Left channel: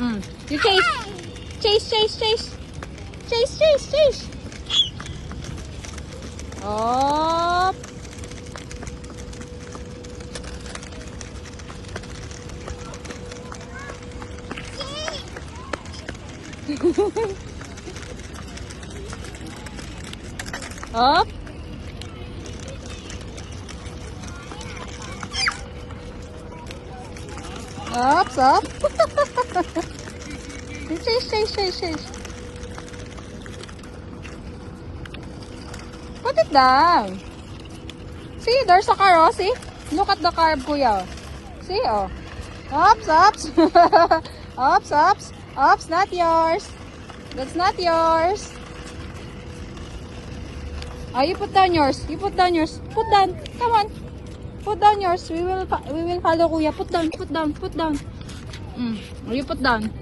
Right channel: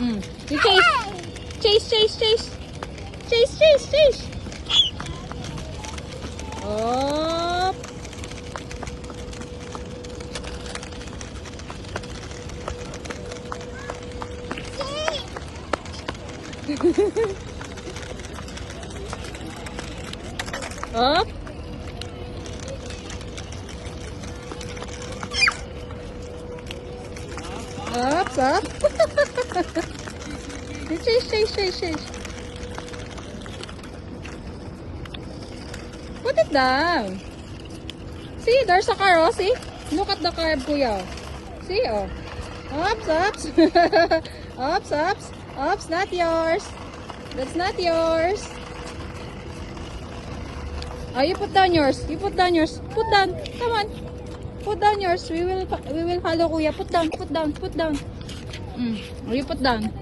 You chase. Chase, chase, chase. Chase, chase, chase. Up. Up. Up, up. Chase, chase, chase, chase. Put it down. See, there's a car, oh, see? Look at the car, kuya. See, oh. Ups, ups. Ups, ups. Ups, not yours. That's not yours. Oh, you put down yours. You put down yours. Put down. Come on. Put down yours. We will follow kuya. Put down, put down, put down. Oh, you put down.